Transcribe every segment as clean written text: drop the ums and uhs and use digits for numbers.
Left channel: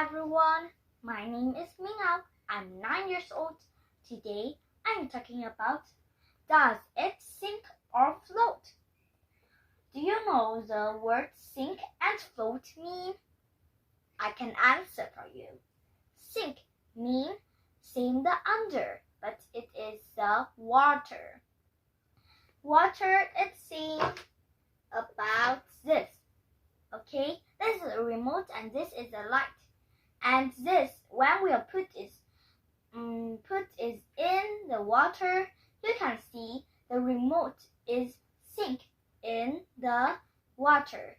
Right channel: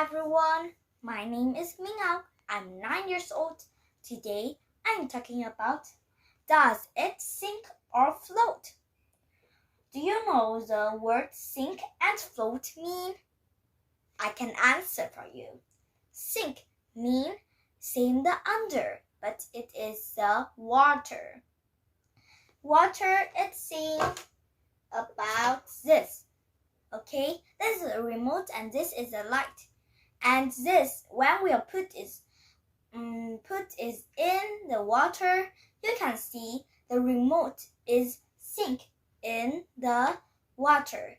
everyone, my name is MinhNgoc. I'm 9 years old. Today I'm talking about, does it sink or float? Do you know the word sink and float mean? I can answer for you. Sink mean same the under, but it is the water. Water it seems about this. Okay, this is a remote and this is a light. And this, when we put is in the water, you can see the remote is sink in the water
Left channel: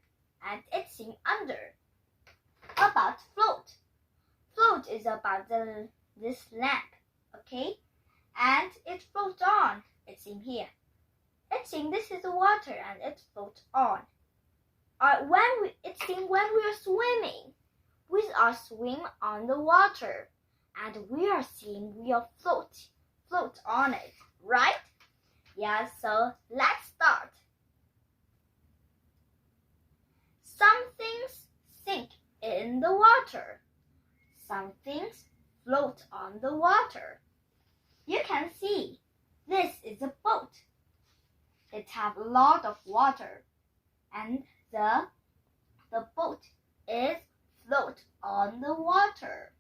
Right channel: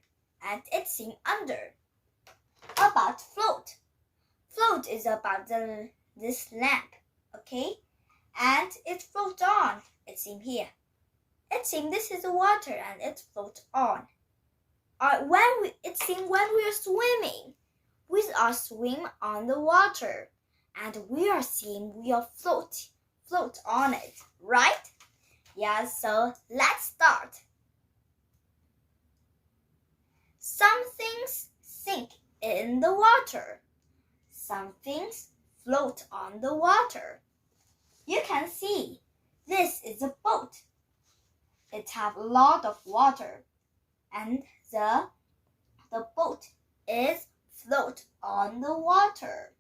and it's sink under. About float. Float is about this lamp, okay? And it floats on. It's in here. It's in this is the water and it floats on. When we are swimming, we are swim on the water, and we are seeing we are float on it, right? Yeah, so let's start. Some things sink in the water. Some things float on the water. You can see this is a boat. It has a lot of water, and the boat is float on the water,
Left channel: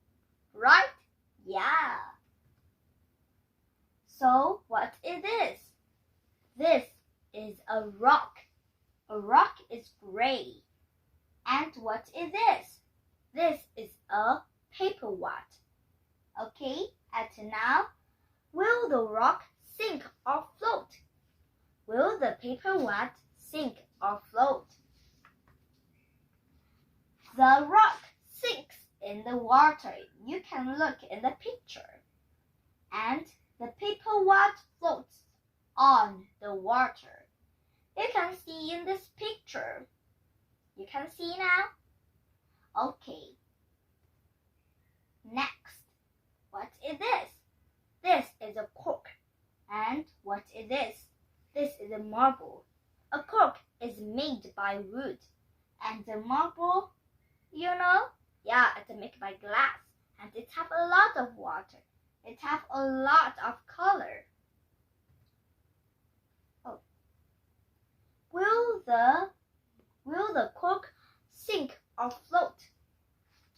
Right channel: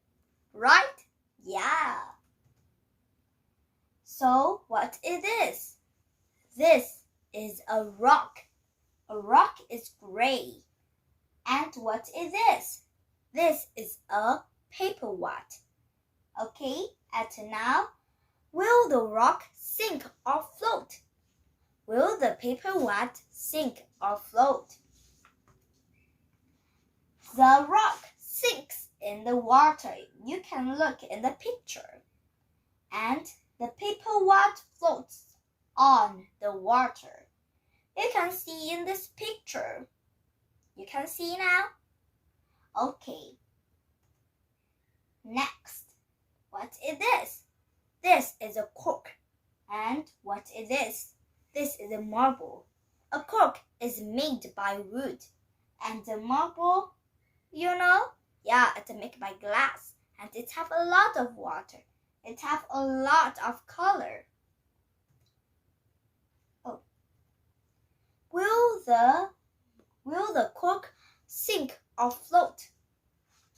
right? Yeah. So what it is? This is a rock. A rock is gray. And what is this? This is a paper what? Okay, and now, will the rock sink or float? Will the paper what sink or float? The rock sinks in the water. You can look in the picture. And the paper what floats on the water. You can see in this picture. You can see now? Okay. Next, what is this? This is a cork. And what is this? This is a marble. A cork is made by wood. And the marble, you know? Yeah, it's made by glass. And it have a lot of water. It have a lot of color. Oh. Will the cork sink or float?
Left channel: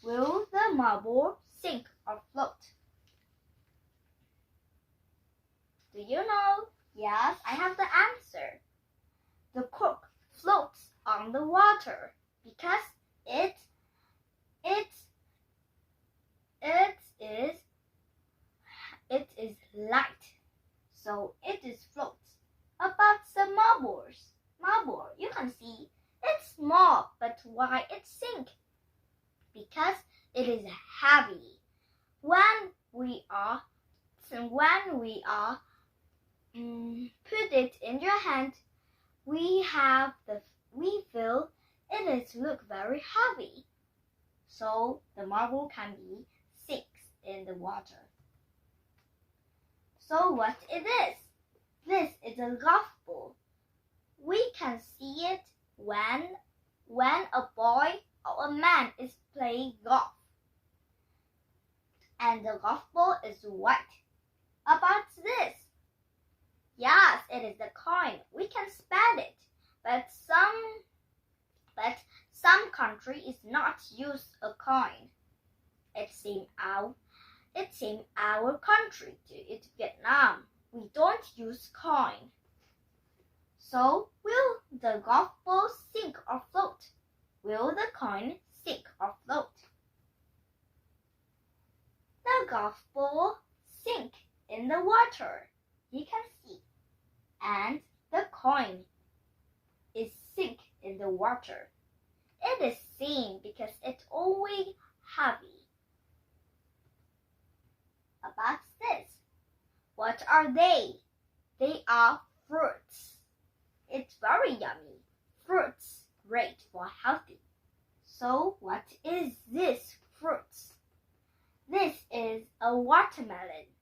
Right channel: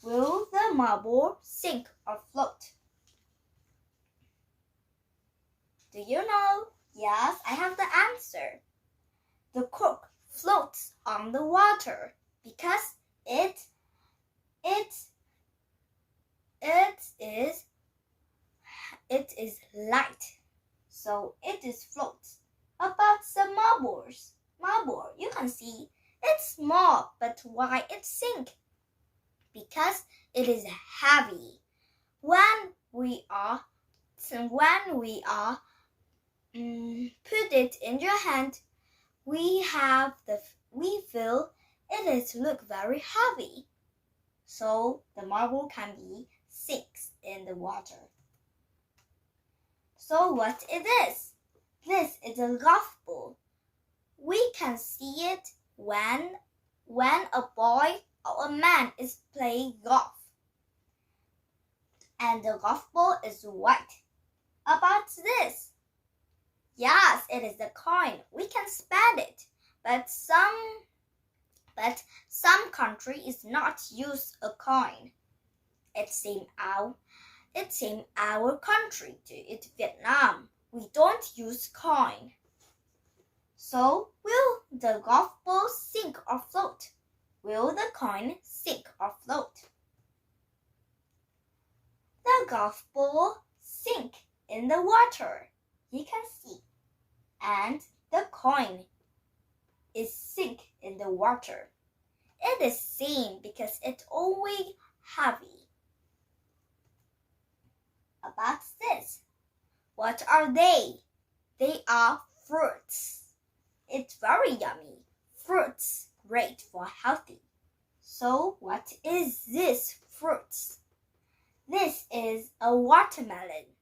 Will the marble sink or float? Do you know? Yes, I have the answer. The cork floats on the water because it is light, so it is floats. About the marble, you can see it's small, but why it sink? Because it is heavy. When we are put it in your hand, we feel it is look very heavy. So the marble can be sinks in the water. So what is this? This is a golf ball. We can see it when a boy or a man is playing golf. And the golf ball is white. About this? Yes, it is a coin. We can spend it, but some country is not use a coin. It's in our country, it's Vietnam. We don't use coin. So will the golf ball sink or float? Will the coin sink or float? The golf ball sink in the water. You can see. And the coin is sink in the water. It is same because it's always heavy. About this. What are they? They are fruits. It's very yummy. Fruits, great for healthy. So what is this fruits? This is a watermelon.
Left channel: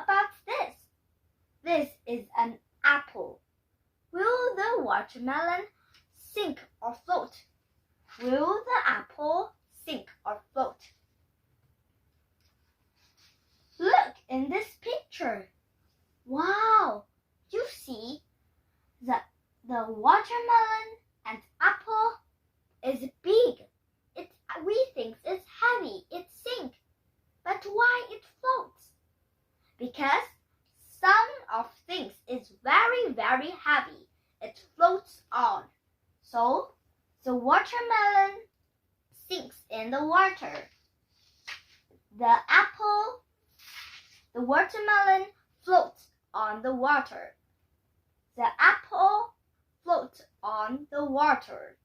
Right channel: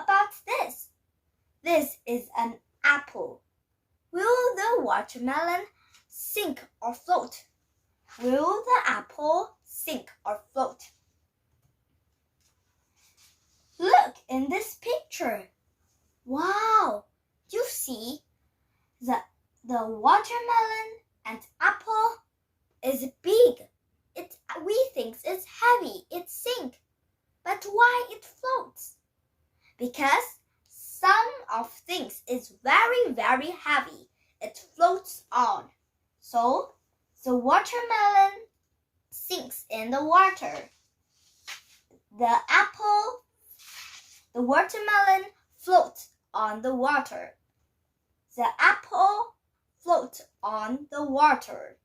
About this. This is an apple. Will the watermelon sink or float? Will the apple sink or float? in this picture. Wow, you see, the watermelon and apple is big. We think it's heavy, it sinks. But why it floats? Because some of things is very, very heavy. It floats on. So the watermelon sinks in the water. The watermelon floats on the water. The apple floats on the water.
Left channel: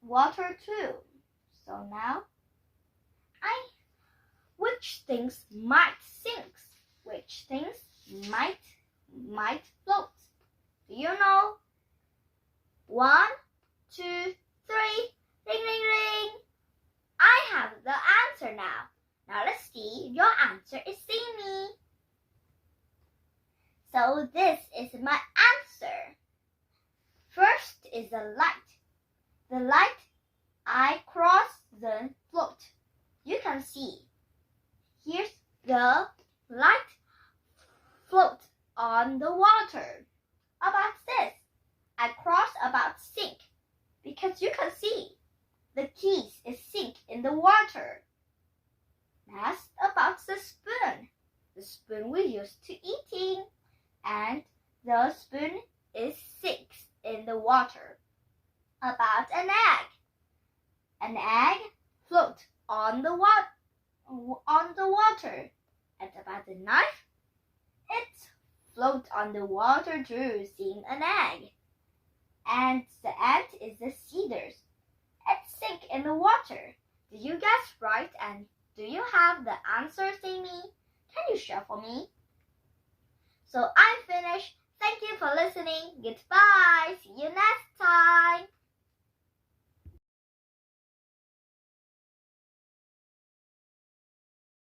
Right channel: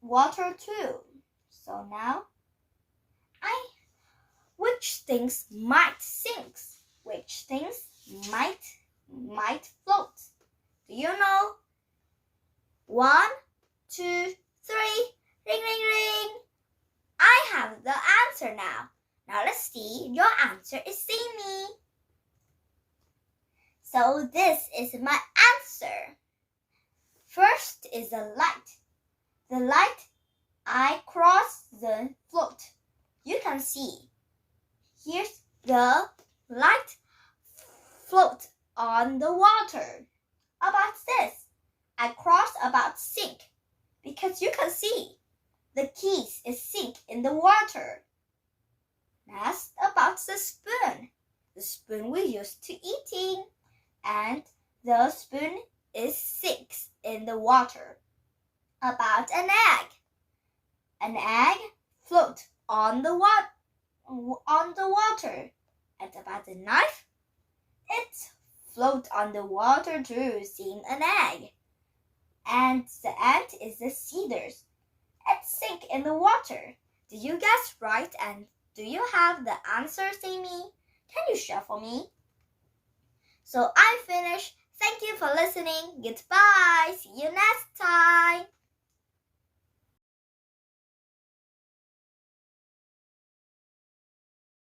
Water too. So now, which things might sink? Which things might float? Do you know? 1, 2, 3. Ring, ring, ring. I have the answer now. Now let's see. Your answer is Sammy. So this is my answer. First is the light. The light, I cross the float. You can see. Here's the light float on the water. About this, I cross about sink because you can see the keys is sink in the water. Next, about the spoon. The spoon we use to eating, and the spoon is sinks in the water. About an egg. An egg float on the water. And about the knife, it float on the water too, seeing an egg. And the ant is the scissors. It sink in the water. Did you guess right? And do you have the answer, Sammy? Can you share for me? So I'm finished. Thank you for listening. Goodbye. See you next time.